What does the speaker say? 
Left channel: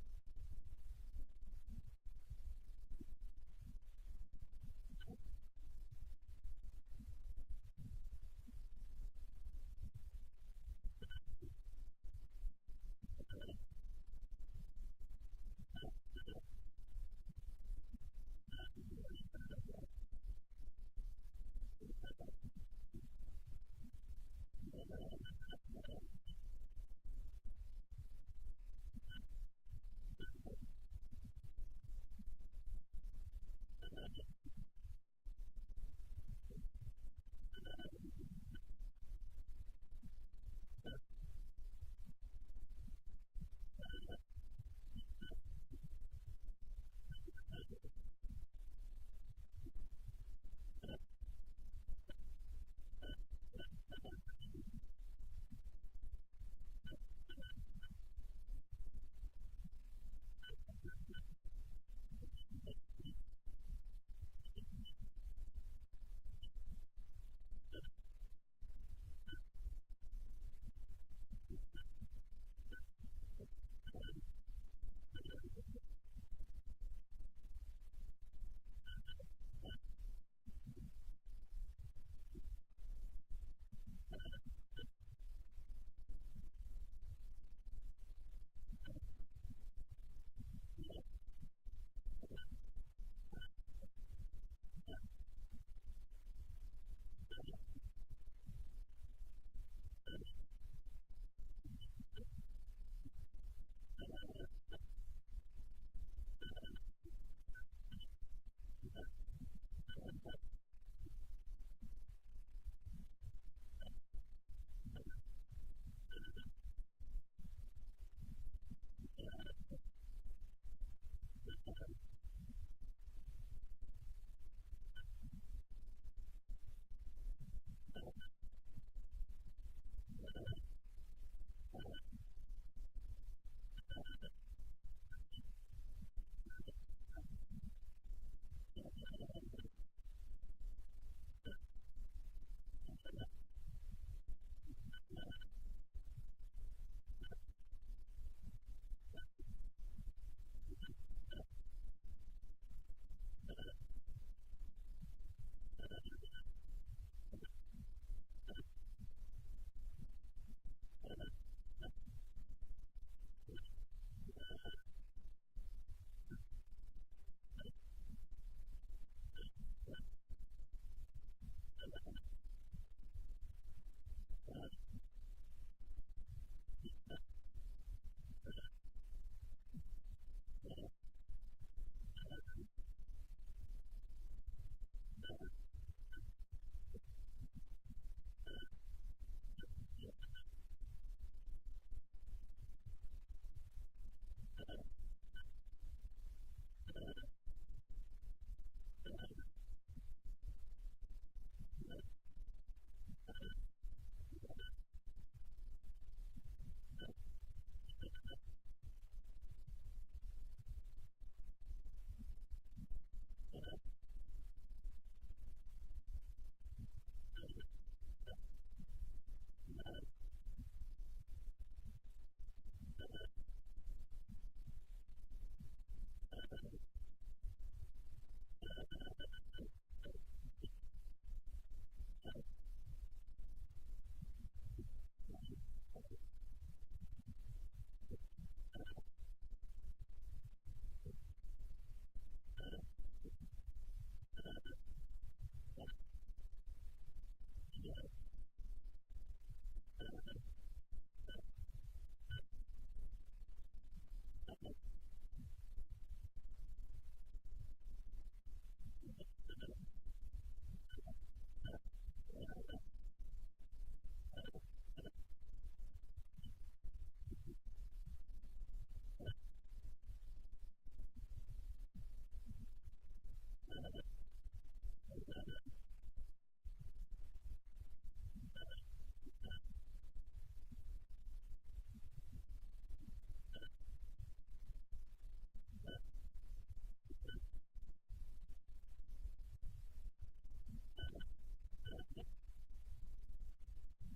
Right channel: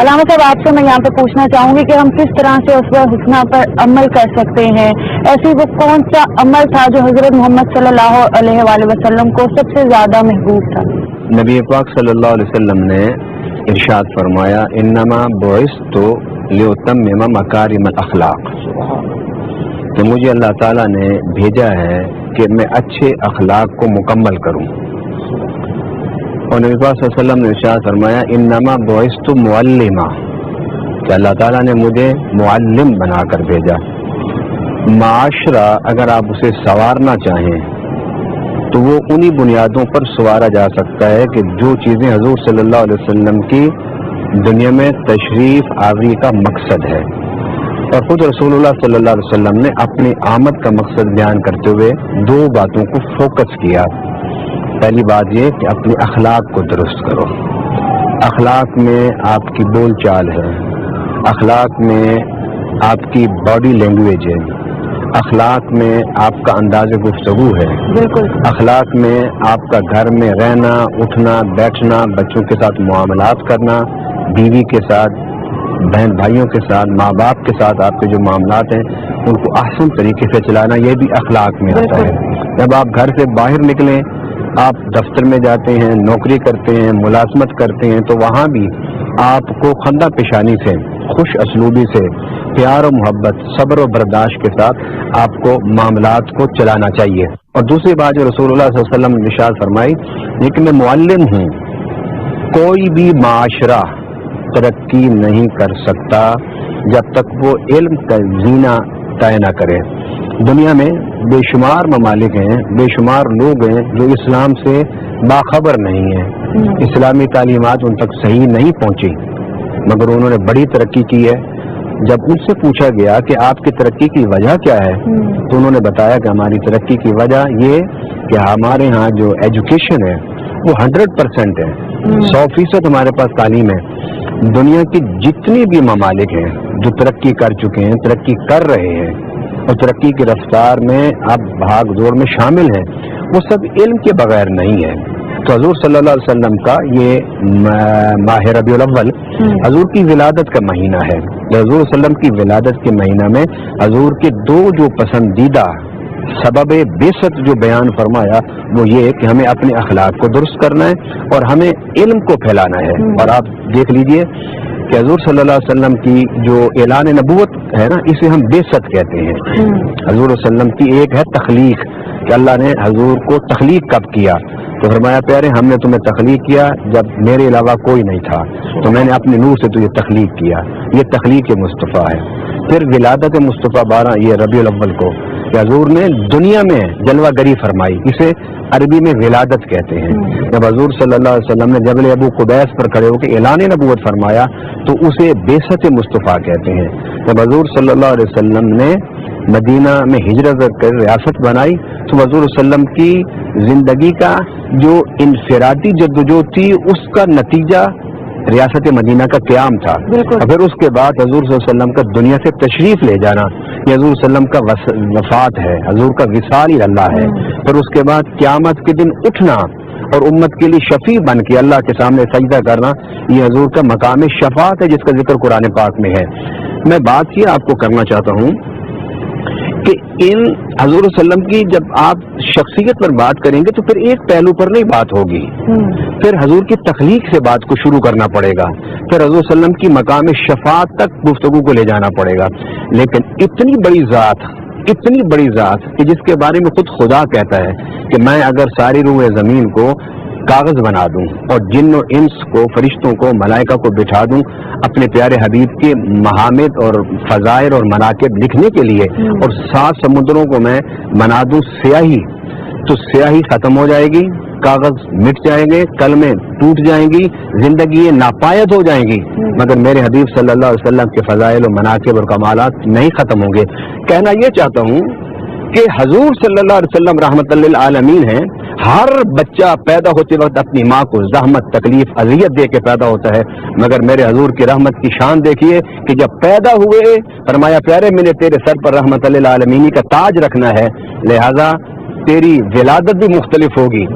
علامہ صاحب آپ سے میں یہاں پہ پوچھنا چاہوں گی کہ ہم کس طرح سے اسوہ حسنہ پر عمل کر سکتے ہیں؟ ایسی وہ کون سا عمل تھا جو حضرت محمد صلی اللہ علیہ وآلہ وسلم کو سب سے زیادہ محبوب تھا؟ نبی پاک صلی اللہ علیہ وسلم نے ارشاد فرمایا انما بعثت لأتمم مکارم الاخلاق، کہ مجھے اللہ تعالیٰ نے بھیجا ہے کہ میں اچھے اخلاق کو مکمل کروں۔ اور نبی پاک صلی اللہ علیہ وسلم نے ارشاد فرمایا انما بعثت معلما، کہ اللہ تعالیٰ نے مجھے معلم بنا کر بھیجا۔ معاشرہ اگر آپ اسے سنوارنا چاہیں تو وہ انہی بنیادوں پر سنوارا جا سکتا ہے کہ جو چیزیں حضور صلی اللہ علیہ وسلم کی دنیا میں تشریف آوری کا مقصد ہے۔ اور خود رسول اللہ صلی اللہ علیہ وسلم نے اپنی آمد کا مقصد بیان کرتے ہوئے دو باتوں کو فوکس کیا۔ پہلی بات یہ کہ اپنے اخلاق کو درست کرو۔ اخلاق میں آپ کی بول چال ہے، اخلاق میں آپ کی باڈی لینگویج ہے، اخلاق میں آپ کا انداز گفتگو ہے، بالکل اخلاق میں آپ کا گھر میں رہنا، اٹھنا، بیٹھنا، بچوں کے ساتھ معاملات کرنا، بیوی کے ساتھ، بہن بھائیوں کے ساتھ، ماں باپ کے ساتھ آپ کے جو معاملات ہیں ان کو احسن طریقے سے چلانا، یہ بھی اخلاق میں آتا ہے۔ جب آپ گھر سے باہر نکلیں، آپ دفتر میں جاتے ہیں، نوکری کرتے ہیں، ملازمت کرتے ہیں، تو وہاں بھی آپ کو خندہ پیشانی سے، خوش اسلوبی سے، پیار و محبت، صبر و برداشت کے ساتھ آپ کو معاملات کو چلانا چاہیے۔ اور دوسری بات جو رسول اللہ صلی اللہ علیہ وسلم نے ارشاد فرمائی یہ کہ میں معلم ہوں، کوئی بھی معاشرہ ترقی نہیں کر سکتا جب تک وہ علم کا زینہ طے نہ کرے۔ دنیا میں بے شمار ممالک ہیں، بے شمار لوگ ہیں جو اسلام سے باخبر نہیں ہیں، اسلامی تعلیمات ان تک صحیح نہیں پہنچی، مگر انہوں نے بڑی ترقی کی ہے۔ جب ان سے پوچھا گیا کہ آپ کی ترقی کی وجہ کیا ہے تو انہوں نے بتایا کہ ہماری ترقی کی وجہ یہ کہ ہمارے ہاں جو ایجوکیشن ہے وہ 100% ہے، 100% ہمارے پاس تعلیم ہے۔ دنیا کی جتنی بھی ممالک ہیں جو ترقی کر چکے ہیں، ترقی کر رہے ہیں اور ترقی کی رفتار میں اب بھاگ دوڑ میں شامل ہیں، وہ سب علم کے بغیر نہیں ہے۔ تو حضور صلی اللہ علیہ وسلم کا یہ ماہ ربیع الاول حضور کی ولادت کا مہینہ ہے۔ حضور صلی اللہ علیہ وسلم کی ولادت کے مہینہ میں حضور کے دو جو پسندیدہ سبب بعثت جو بیان فرمایا وہ یہ کہ ہمیں اپنے اخلاق کو درست کرنا ہے اور ہمیں علم کو پھیلانا ہے۔ اور آپ دیکھ لیجئے کہ حضور صلی اللہ علیہ وسلم کی جو اعلان نبوت ہے نا، اسے ہم بعثت کہتے ہیں۔ حضور صلی اللہ علیہ وسلم کی ایک ہے تخلیق، کہ اللہ نے حضور کو تخلیق کب کیا، تو فرمایا پیارے ہم نے تمہیں تخلیق کیا جب میرے علاوہ کوئی نہیں تھا، تو میں نے اپنے نور سے تجھے تخلیق کیا، یہ تخلیق مصطفیٰ ہے۔ پھر ولادت مصطفیٰ 12 یہ ربیع الاول کو کہ حضور نے دنیا میں جلوہ گری فرمائی، اسے عربی میں ولادت کہتے ہیں۔ جب حضور صلی اللہ علیہ وسلم نے جبل ابو قبیس پر کھڑے ہو کے اعلان نبوت فرمایا تو اسے بعثت مصطفیٰ کہتے ہیں۔ جب حضور صلی اللہ علیہ وسلم نے مدینہ میں ہجرت کر ریاست بنائی تو حضور صلی اللہ علیہ وسلم کی زندگی کا جو انفرادی جدوجہد تھی اس کا نتیجہ ریاست مدینہ کا قیام تھا۔ پھر اس کے بعد حضور صلی اللہ علیہ وسلم کا دنیا سے تشریف لے جانا، یہ حضور صلی اللہ علیہ وسلم کا وفات ہے، حضور کا وصال اللہ ہے۔ پھر اس کے بعد قیامت کے دن اٹھنا اور امت کے لیے شفیع بن کے اللہ کے سامنے سجدہ کرنا، یہ حضور کا مقام شفاعت ہے جس کا ذکر قرآن پاک میں ہے۔ میں بات یہ آپ کو کرنا چاہتا ہوں کہ ان حضور صلی اللہ علیہ وسلم کی جب آپ شخصیت پر بات کریں گے تو پھر ایک پہلو پر نہیں بات ہوگی، پھر حضور کی تخلیق سے بات کو شروع کرنا پڑے گا، پھر حضور صلی اللہ علیہ وسلم کی مقام شفاعت تک گفتگو کو لے جانا پڑے گا۔ لیکن اتنی بڑی ذات کہ جس کے بارے میں خود خدا کہتا ہے کہ میں اگر ساری روح زمین کو کاغذ بنا دوں اور جن و انس کو، فرشتوں کو، ملائکہ کو بٹھا دوں اپنے پیارے حبیب کے محامد اور فضائل اور مناقب لکھنے کے لیے، اور 7 سمندروں کو میں بنا دوں سیاہی، تو سیاہی ختم ہو جائے گی، کاغذ مٹ جائیں گے، قلمیں ٹوٹ جائیں گی، زندگی ناپائید ہو جائیں گی، مگر میرے حبیب صلی اللہ علیہ وسلم کے فضائل و مناقب اور کمالات نہیں ختم ہوں گے۔ کہنا یہ چاہتا ہوں کہ حضور صلی اللہ علیہ وسلم رحمت للعالمین ہیں۔ ہر بچہ پیدا ہوتے وقت اپنی ماں کو زحمت، تکلیف، اذیت دے کے پیدا ہوتا ہے، مگر میرے حضور کی رحمت کی شان دیکھیے کہ جب پیدا ہوئے فرمایا پیارے میں نے تیرے سر پر رحمت للعالمین کا تاج رکھنا ہے، لہذا تیری ولادت بھی مختلف ہوگی۔